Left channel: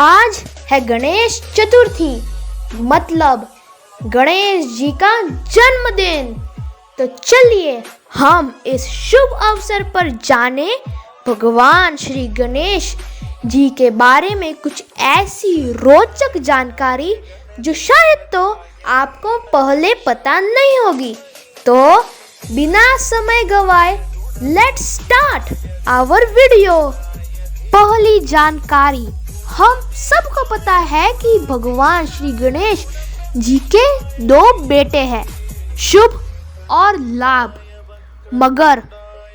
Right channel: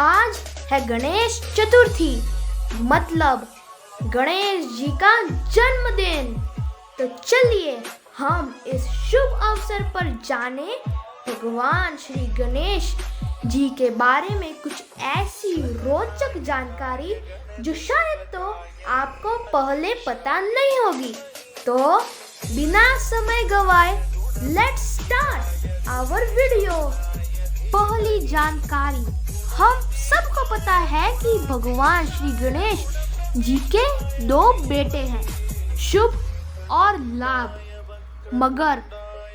आज है गणेश चतुर्थी, मतलब गणेश जी का जन्मदिन। तो चलिए हम इस शुभ अवसर पर जाने भगवान श्री गणेश जी के बारे में कुछ ऐसी रोचक जानकारी जो शायद तो आपको पहले पता नहीं होगी। तो बिना समय गवाए लेट्स स्टार्ट आवर वीडियो। पहली जानकारी, हम सबको पता है कि भगवान श्री गणेश जी के 2 बेटे हैं, शुभ और लाभ, मगर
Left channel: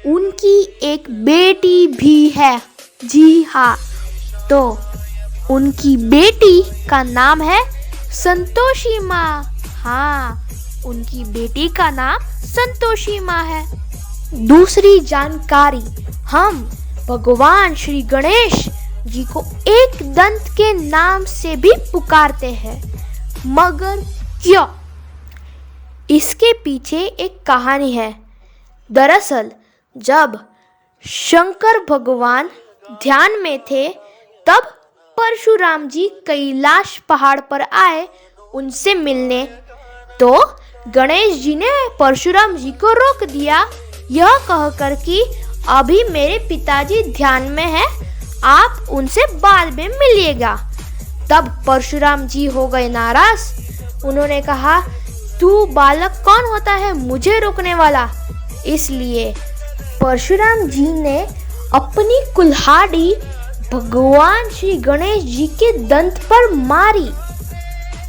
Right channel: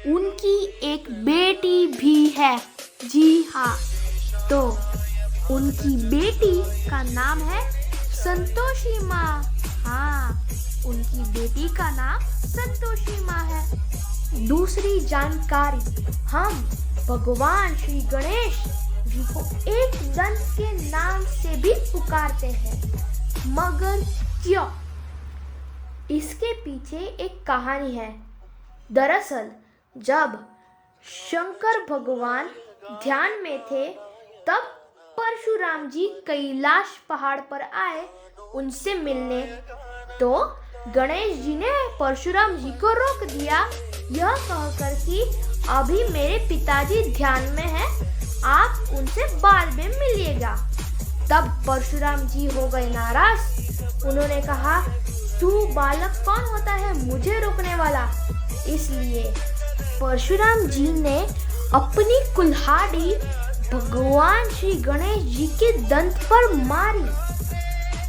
उनकी एक बेटी भी है। जी हाँ, तो उनकी बेटी का नाम है संतोषी माँ। हाँ, उनकी बेटी का नाम संतोषी माँ है। दूसरी जानकारी, हम भगवान श्री गणेश जी को एक दंत के नाम से भी पुकारते हैं, मगर क्यों? इसके पीछे एक कहानी है। दरअसल जब शंकर भगवान ध्यान में थे, तब परशुराम जी कैलाश पहाड़ पर आए उनसे मिलने। तो गणेश जी ने परशुराम जी को रोक दिया, यह कहकर कि अभी मेरे पिताजी ध्यान में हैं, आप उनसे बाद में मिलिएगा। तब परशुराम जी हो गए नाराज। उन्होंने कहा, तू बालक कौन होता है मुझे रोकने वाला? इसलिए परशुराम जी ने अपनी कुल्हाड़ी भगवान श्री गणेश जी के दंत पर मारी।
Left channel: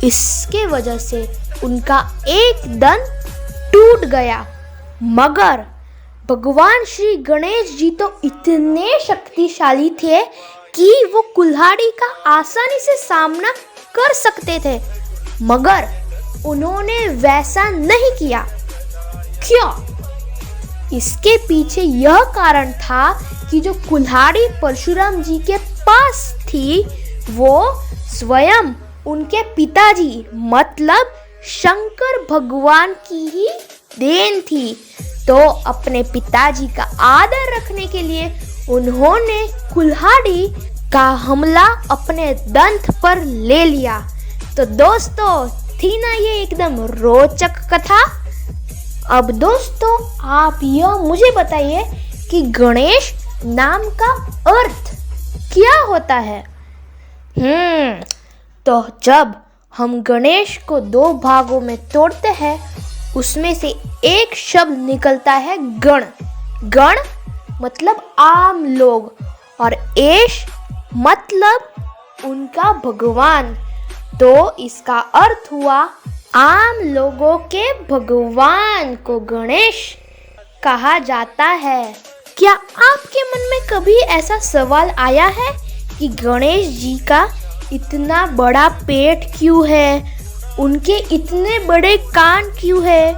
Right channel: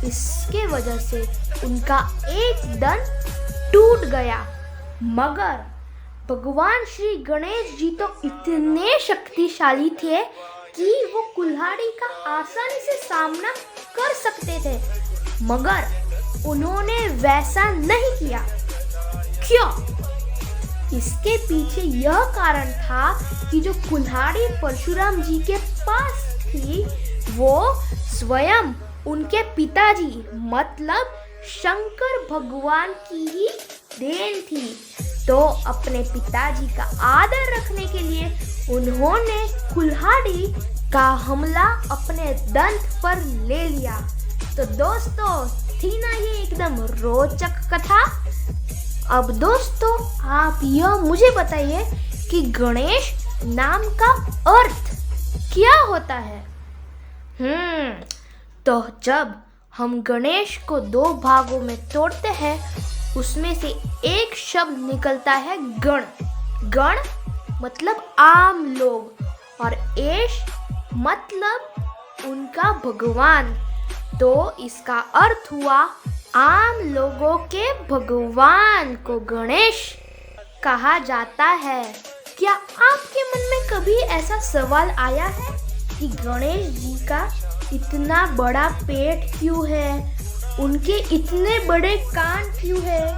इसके वजह से उनका एक दंत टूट गया, मगर भगवान श्री गणेश जी तो इतने शक्तिशाली थे कि वो कुल्हाड़ी का आसानी से सामना कर सकते थे, मगर उन्होंने वैसा नहीं किया। क्यों? इसके पीछे यह कारण था कि जो कुल्हाड़ी परशुराम जी के पास थी, वो स्वयं उनके पिताजी मतलब शंकर भगवान की ही देन थी। तो अपने पिताजी का आदर रखने के लिए उन्होंने कुल्हाड़ी का हमला अपने दंत पर ले लिया। तो दोस्तों, थी ना ये एकदम रोचक कथा। अब दोस्तों, आप यह मुझे बताइए कि गणेश नाम का अर्थ क्या होता है? तो जब हम गणेश को 2 भागों में तोड़ते हैं, उसमें से एक शब्द निकलता है गण। गण मतलब आम लोग, और एश मतलब उनका भगवान। तो इसका अर्थ हुआ आम लोगों के भगवान को गणेश कहा जाता है। क्या आपके मन में कभी ऐसा सवाल आया है कि गणेश जी का इतना बड़ा पेट क्यों है? उनके इतने बड़े कान क्यों है?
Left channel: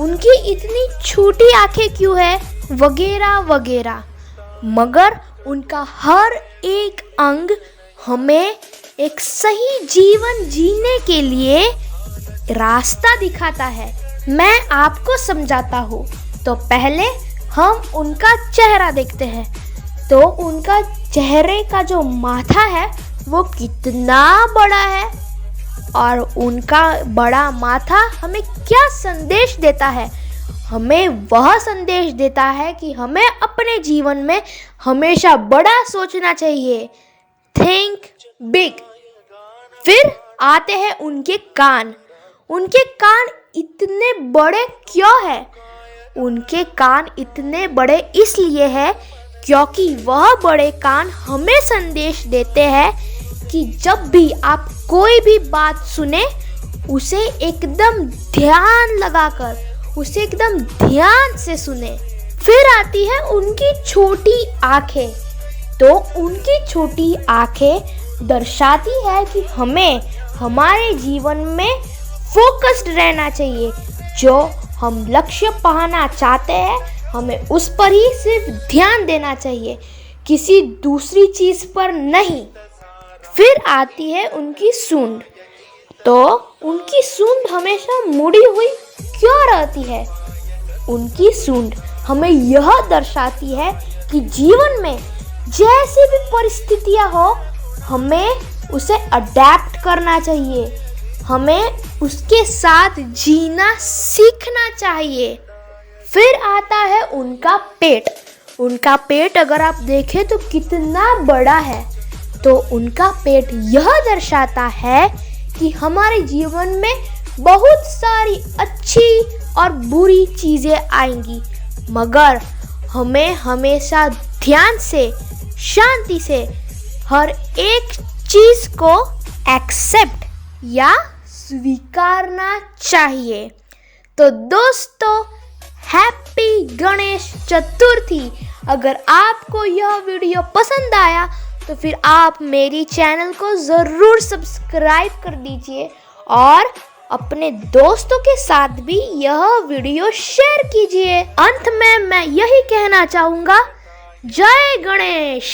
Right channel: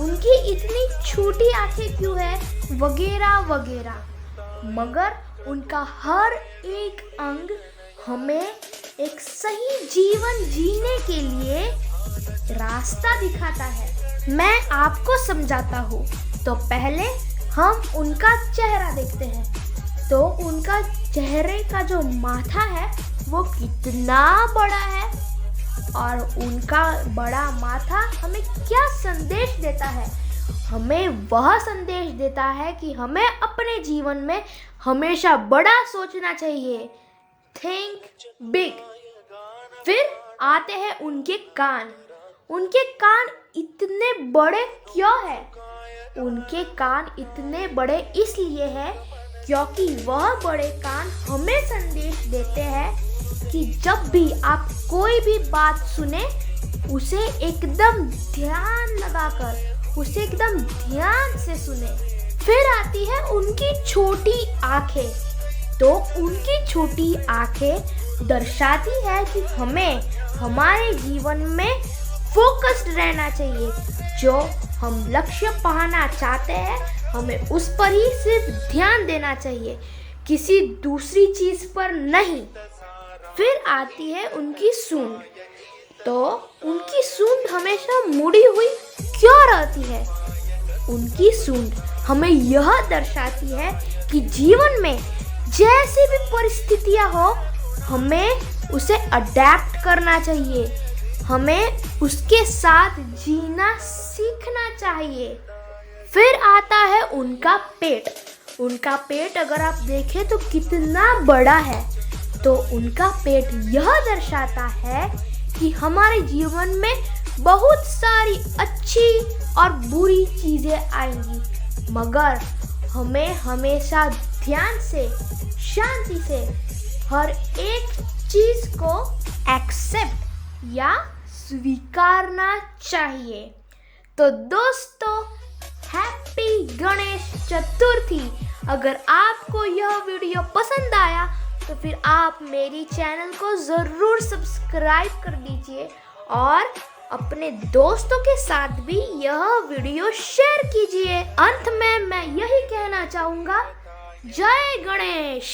उनकी इतनी छोटी आंखें क्यों है? वगैरह वगैरह। मगर उनका हर एक अंग हमें एक सही जीवन जीने के लिए रास्ता दिखाता है। मैं आपको समझाता हूँ। तो पहले हम उनका चेहरा देखते हैं। तो उनका चेहरे का जो माथा है वो कितना बड़ा है, और उनका बड़ा माथा हमें क्या संदेश देता है? हमें वह संदेश देता है कि हमें अपने जीवन में हमेशा बड़ा सोचना चाहिए। Think big. फिर आते हैं उनके कान। उनके कान इतने बड़े क्यों हैं? उनके कान इतने बड़े इसलिए हैं क्योंकि वह बड़े कान हमें संदेश देते हैं कि जब भी आप कोई भी बात सुने, उसे एकदम ध्यान लगाकर, उसे एकदम ध्यान से सुने। फिर आती है उनकी छोटी आंखें। तो उनकी छोटी आंखें दर्शाती है कि हमें हमारे जीवन में फोकस्ड रहना चाहिए। जो हम लक्ष्य पाना चाहते हैं, हमें उस पर ही सिर्फ ध्यान देना चाहिए, किसी दूसरी चीज पर नहीं। फिर आती है उनकी सूंड। तो उनकी सूंड हमेशा मुड़ी हुई क्यों रहती है? उनकी सूंड हमें यह दर्शाती है कि जीवन में जैसी भी परिस्थितियां हो, हमें उसे अडेप्ट करना चाहिए, हमें उसके साथ जीना सीखना चाहिए। फिर आता है उनका पेट। उनका पेट अगर आप देखें तो कितना बड़ा है। तो उनका पेट यह दर्शाता है कि हमारे जीवन में बहुत सारी अच्छी और बुरी चीज़ें आएंगी, मगर हमें हमेशा ध्यान से, शांति से हर एक चीज़ को एक्सेप्ट या स्वीकारना चाहिए। तो दोस्तों, हैप्पी गणेश चतुर्थी। अगर आपको यह वीडियो पसंद आया तो फिर आप मेरी चैनल को ज़रूर सब्सक्राइब कर दीजिए और अपने दोस्तों के साथ भी यह वीडियो शेयर कीजिए। अंत में मैं यही कहना चाहूँगा, जय गणेश।